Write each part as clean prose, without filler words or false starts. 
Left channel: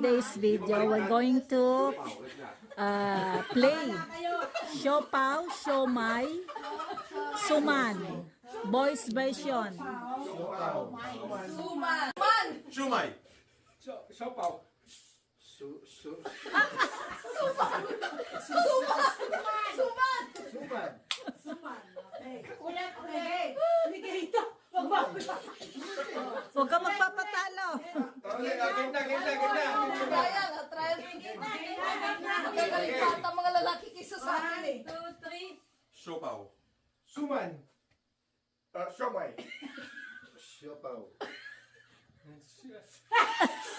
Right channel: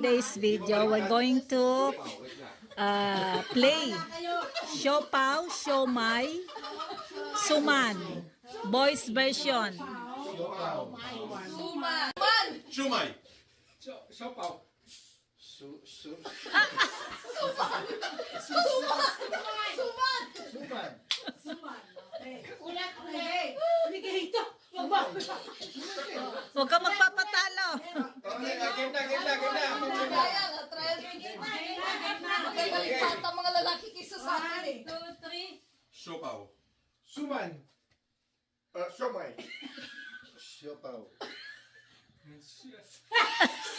today's video, we're going to play Siopaw, Siomai, Suman. Boys version. Suman. Siomai. Siopaw. Suman. Ulit. Dito. Huwag ka magpapatalo. Game na. Trial begin. Magagaling pa ang mga lalaki kaysa sa akin eh. 2, 3. Siopaw. Suman. Siomai. Siopaw.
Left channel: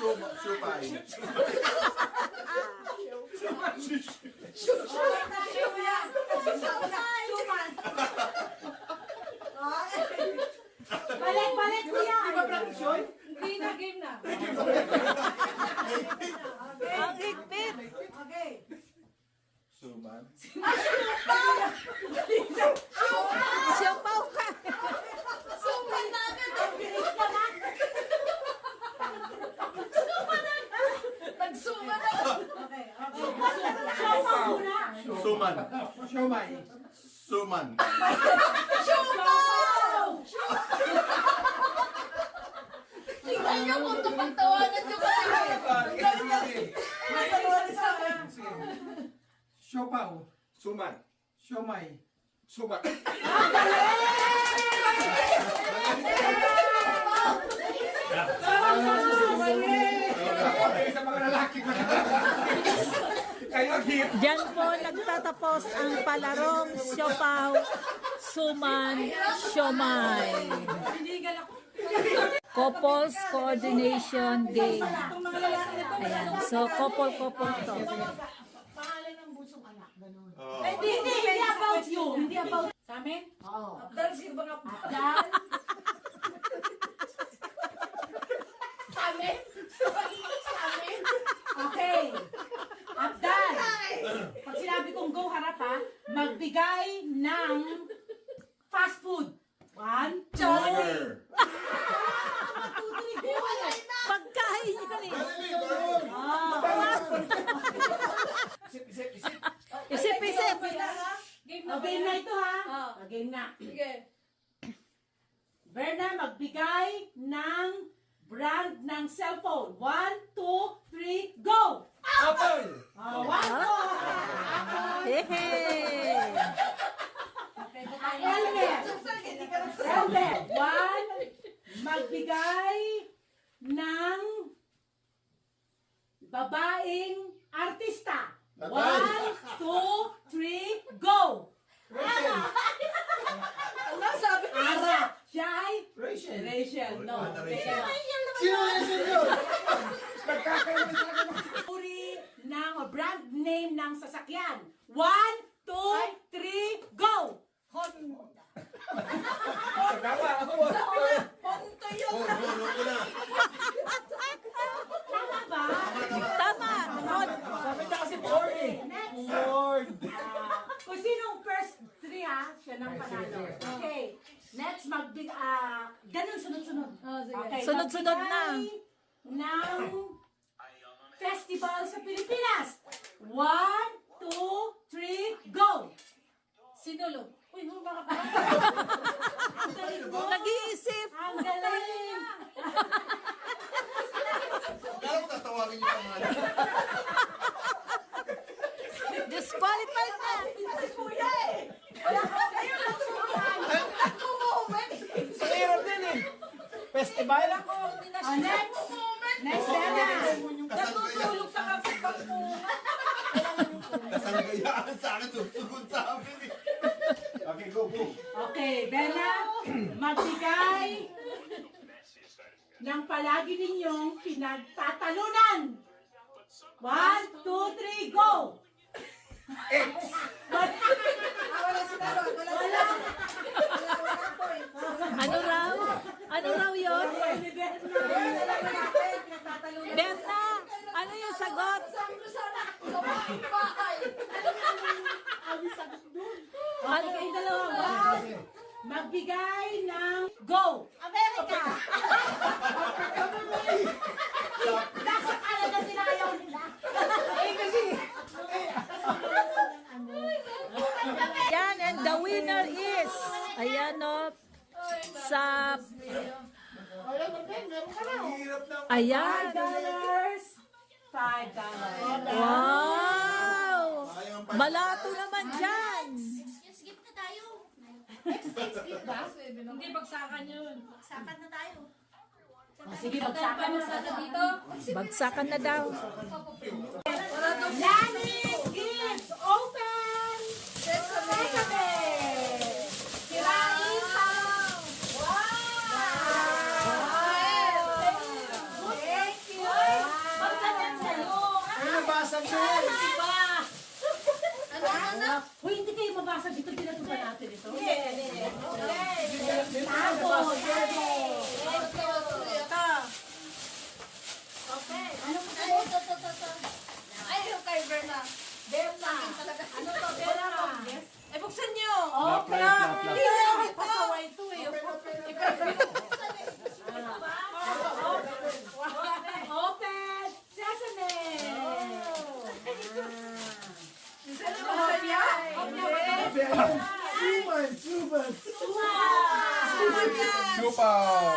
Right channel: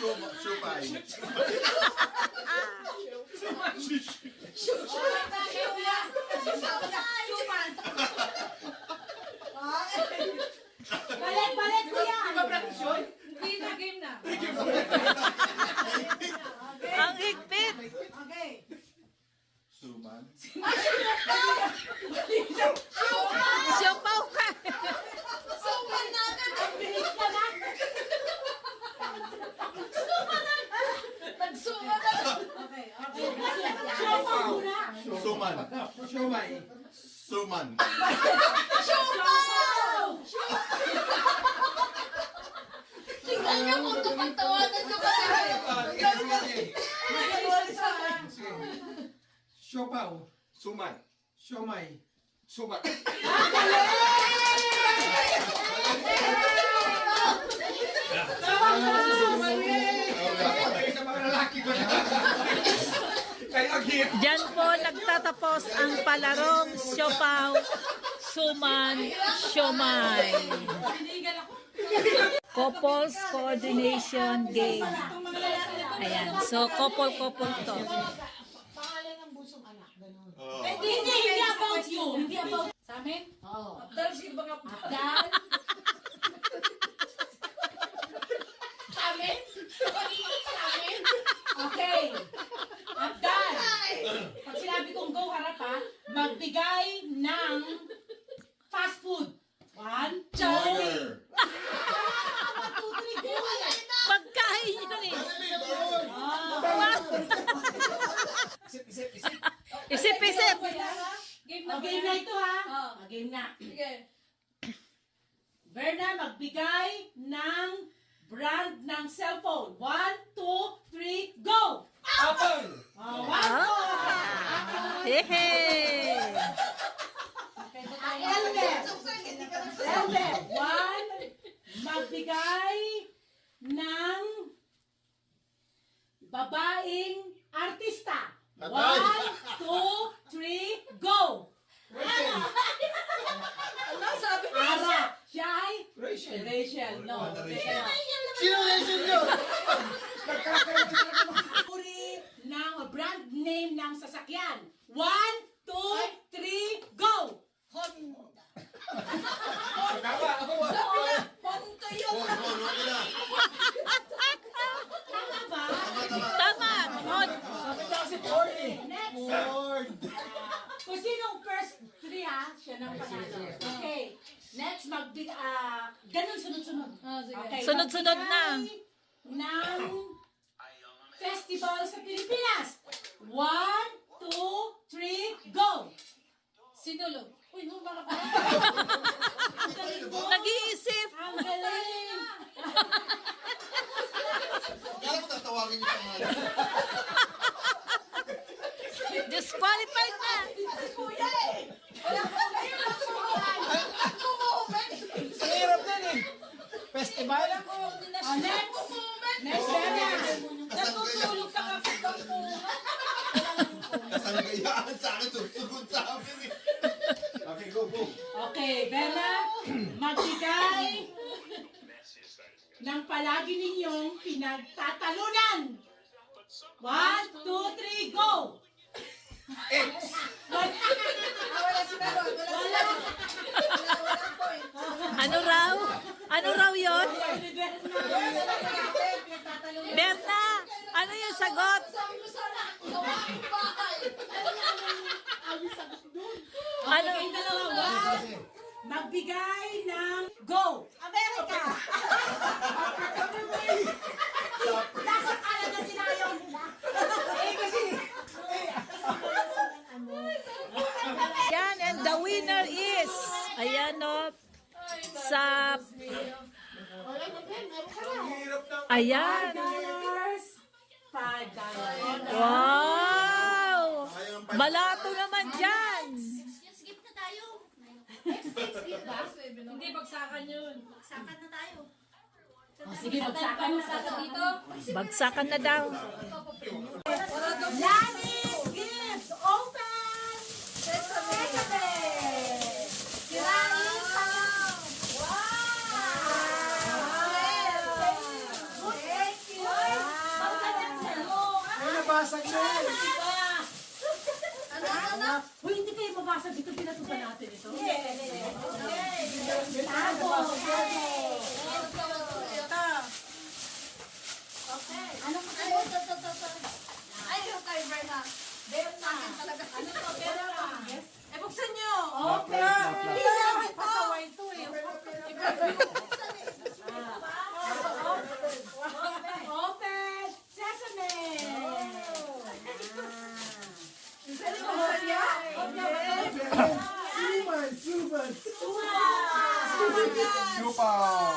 Siopay. Suman. Balik kuya. Game na. Ang higpit. Okay. Suman. Siopaw ka. Suman na agad. Nagsuman na. Okay. Siopaw. Suman. Siomai. Suman. Tingnan niyo kung tumatawanan niyo kasi. Siopaw. Suman. Siomai. Suman. Sa mga lalaki ko. Kayo hit. Diyan po nagtatapos ang palarong Siopaw, Suman, Siomai. Couples coordination game. Ayan. So, couple to. Pangalan ng busong anak, ganun. Oh. Hindi about you. Hindi about... Sa amin? Oo. Dahil sige ba nga Abdal. Sa amin? Sa amin? Okay. Abdal. Pag sinabi kong go, harap ha, magbigay ng fast food. 1, 2, 3. Burger. Pagkain yun eh. Isip. Game O, game na ito ha. Oh. O, game na. Sige. Berna, magbigay ng brand ng cellphone. 1, 2, 3, go! Apple. Oh, 1, 2. Hehe. Elmer. Elmer. 1, magbigay ng babaeng artista. 1, 2, 3, go! Ano sabi mo? Ara. Siya ay? Rachel. Rachel. No. Teka na. Sino? Uri ng brand name ng sasakyan. 1, 2, 3, go! Honda. Kaya ako. Honda yun. Ko na. Tama ba? Tama. Sabi niya kasi Ford eh. Next. Ford. Kung sinong first 3 ha, siya nang panalo. Okay. Next, ganun sunod-sunod. Sige. Okay. Sunod-sunod na. magbigay ng festival sa Pilipinas. 1, 2, 3, go! Sinulog. Uy, baka pa. Nag-iisip. Ang galing! Kaya mo tatawagin yung pangalan. Disqualified na. Si Kuya eh. Wala ko ngayon lang sumahan. Kumuhuman. Sa hirap din eh. Festival. Ako, Oh, next! Next, Dana! Natutulog sa kapit ng bunga. Kasanggayaan sa akin, susunod sa amin eh. Okay, go. Okay, Bella, magbigay ng palagi ninyong pinagtatalunan. 1, 2, 3, go! Wala si Daron. Wala po eh. Ano raw yun? Berna, ano yung sagot? Sabi ko sana, gawain bahay. Okay, kayong dalawa. Magbigay ng go! America! Nasa Canada sila Ayan o. Sa... Ayan. $5. Wow! Malato naman dyan. Skip na tayo. Hindi, bagsakan yun. Sakat na tayo. Sige, bagsakan na sa dito. Bagsakan na daw. Lani's Gifts Open! Sesame! Kirani Pao! Wow! Thank you! Pagkalan sa'yo! Ay, nabasag na yun. Uy, hindi kayo mabasag dito. Pinatuba natin ito. Tago! Ano pa kayo? Ay, yung kay Berna. Delta. Ano to? Delta. Eh, buksan niyo. Okay. Hindi na ako pasaway ito eh. Open. Sesame. Suman. Lupaw.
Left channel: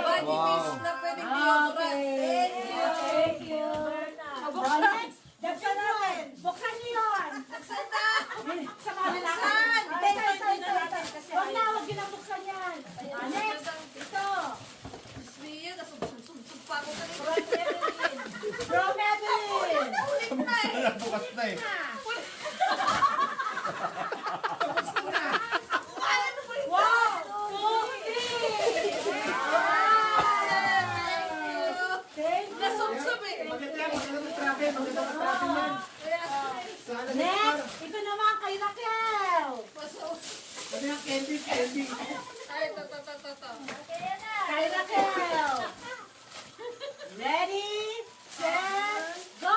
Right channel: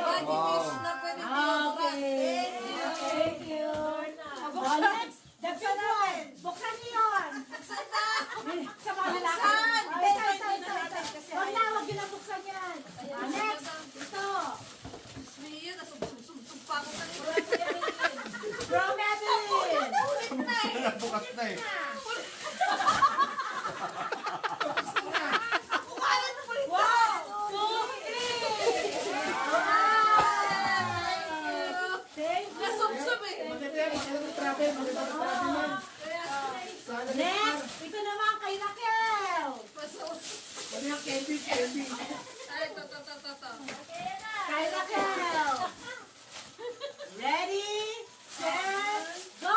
Body taste na pwede Thank you. Next. Buksan natin. Buksan niyo yun. Sa mga lahat. Huwag na, huwag yun ang buksan yan. Next. Ito. Smee, nasubsub pa ako kanina. From Evelyn. Bukas na eh. Wow. 2, 3. Thank you. Nasubsub eh. Next. Ito naman kay Raquel. Ano yung candy? Ay, to. Kay Raquel. Ready, set, go!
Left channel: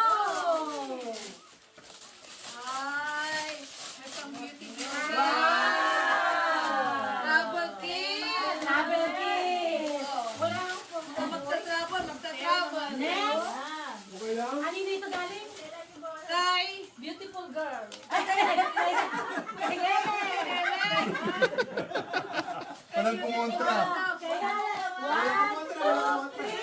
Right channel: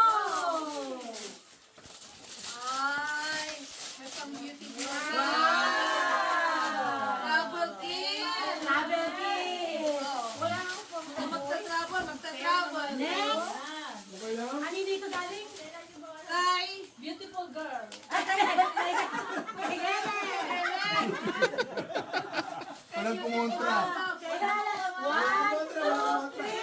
Ay, there's some beauty here. Wow! Double kill. Double kiss! Magtatrabon. Next! Ano dito galing? Kay beautiful girl. Kay Helen! Walang kumontra. Kay Helen! 1, 2, 3!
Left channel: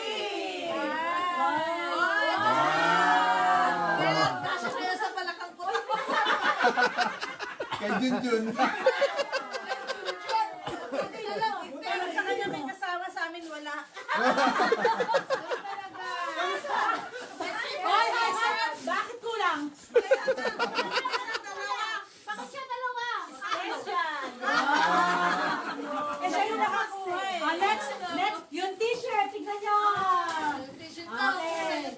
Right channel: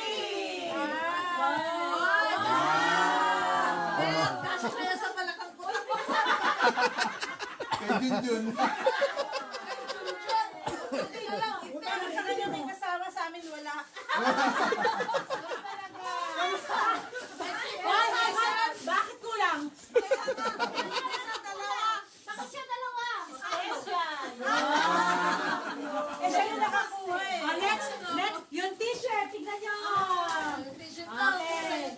Kasya kaya sa balakang ko. Kay Junjun. Sa kanya may kasama, sa amin wala. Bakit kulang? Bakit siya dalawa? Eh, siya yung nakakuha eh. Next, yung t-shirt, tignan nyo. Okay.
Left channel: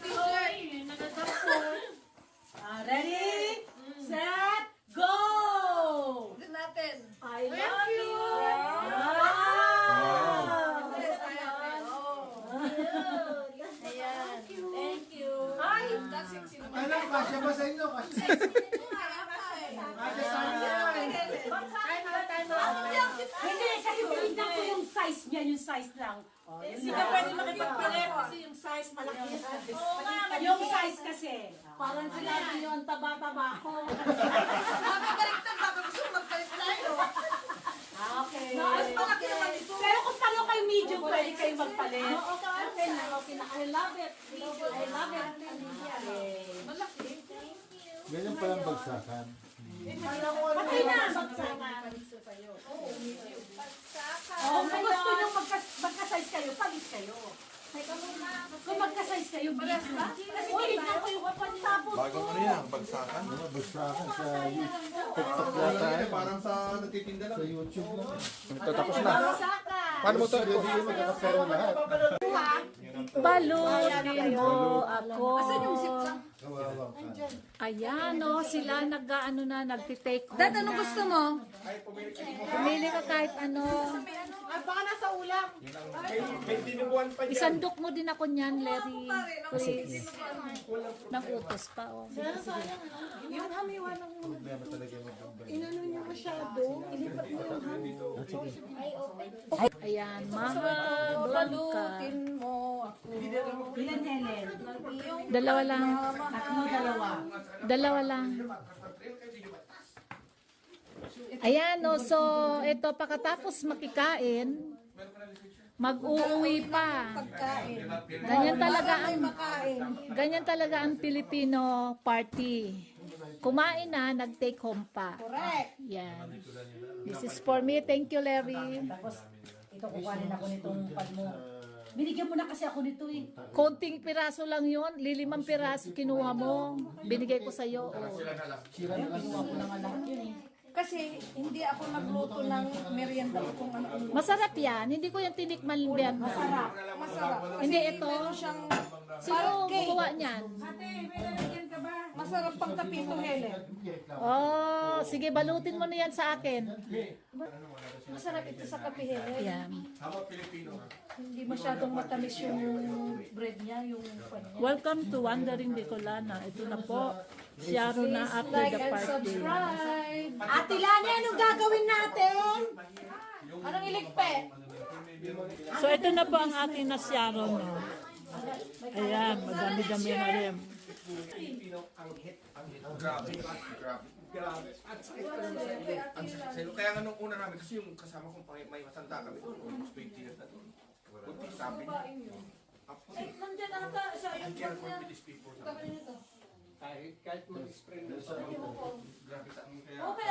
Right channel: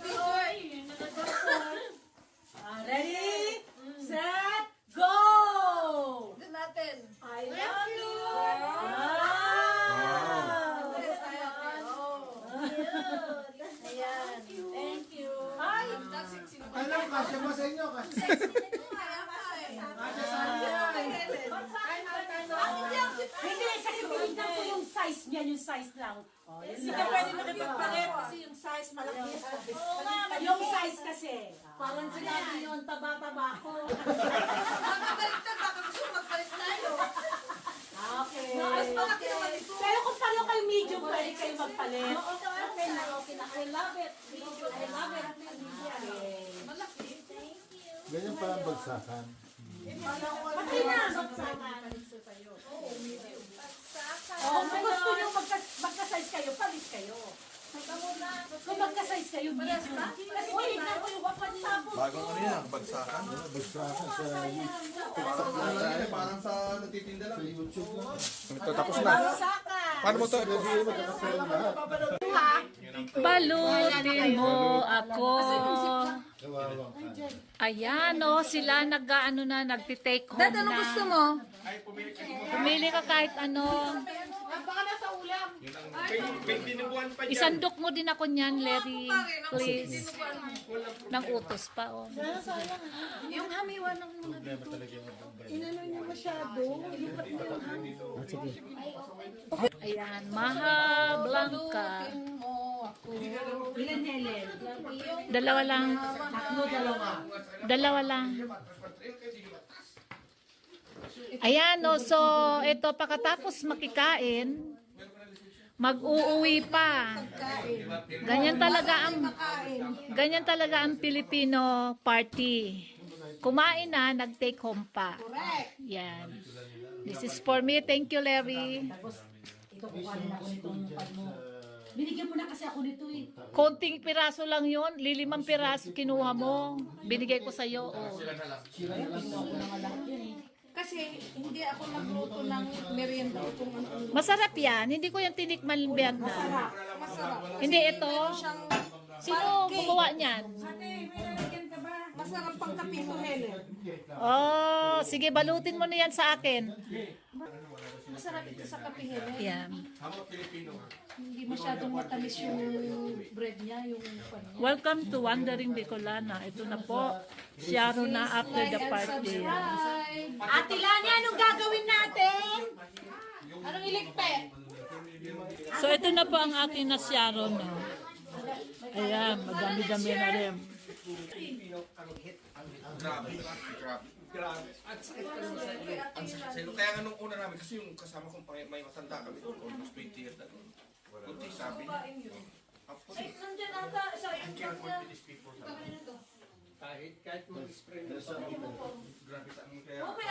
Ready, set, go! Tignan natin. I love you! Thank you. Ay, that's yung sino. Ay lang, kasya ba sa inyo? Kasya sa inyo. Hindi, kasi tinignan ko yung size niya, yung size lang. Hindi ka pwede makipagpalit kasi yung size malaki. Yung size kasi. Parang sinabi niyo, ang taba-taba ko. Makabaliktad, baka gusto magpalit tayo. Okay. Mas malaki naman ito. Pero kung paano kayo medium, pwede kayo magpalit. Okay na. I love it. I love it. Okay. Malaki. Ganyan palang bagsakan. Okay na. Kung gusto nyo magka-size kayo, palit kayo. Kung magka-size kayo, medium. Uy, naku, tapos Bagong ano yan, bagsakan. Bagsakan sa TikTok yata yan. Parang sa natitinda lang. Sa YouTube lang. Ito, tapos na. Paano mo to? Review mo kakasaya lahat. Balutin mo ako. Kawawa ka. Ayan o, sila nag-ano na, nagtitake home Dad, ano gusto na. mo? Pumili ka kahit ano. Baka nasa ulam. Isandok mo din ako niyan, Larry. Please. Nang utos pa, oh. Yung hamiwa ng Problema talaga yung Bombay. Ayan, Maha Blanca. Ilan Helen? Dalawa lang. Tatlo, dalawa. Dalawa lang. Ayan, no, so ito pagkatapos makikain, mag-uuwi pa. Ganyan talaga ang Filipino party. Kumain na, nag-take home pa. Correct. Yan. This is for me. Thank you, Larry. Tapos, ito kukuhanin ako nitong pad mo. Binigyan mo na kasi ako nito eh. Konting piraso lang yon, 5 piraso kinuha mo. Binigay ko sa'yo. Oh. Kinuha ko na nga lahat yun eh. Kasi hindi ako nagluto ng merienda kung ano. Masarap yan. Hindi ko yung tinikman Vietnam. Masarap. Hindi ito. Sino gumawa niyan? Masarap pang kape mo, Helen. Oh, sige, balutin mo na yan sa akin. Masarap ito sa kape, Helen. Yan. Hindi masyadong matamis yung bread niya, yung pan niya. Welcome to Wandering Bicolana. Ito na po. Siyaro na after the party. Subscribe. Ate Lani, anong gagawin natin? Anong iligpe? So ito na po ang aking nasyaro, no. Ayan, madami-dami na rin. Grabe. At sakit ka naman sa ilo. Kaya nga nung una namin, kasi yung kasama kong may matanda kami doon, almost 20 years na doon. Kunti sabi niya. Nandiyan ata sa I can't work with these people. Kahit mo spray na sa Grabe sa akin. Kaya Okay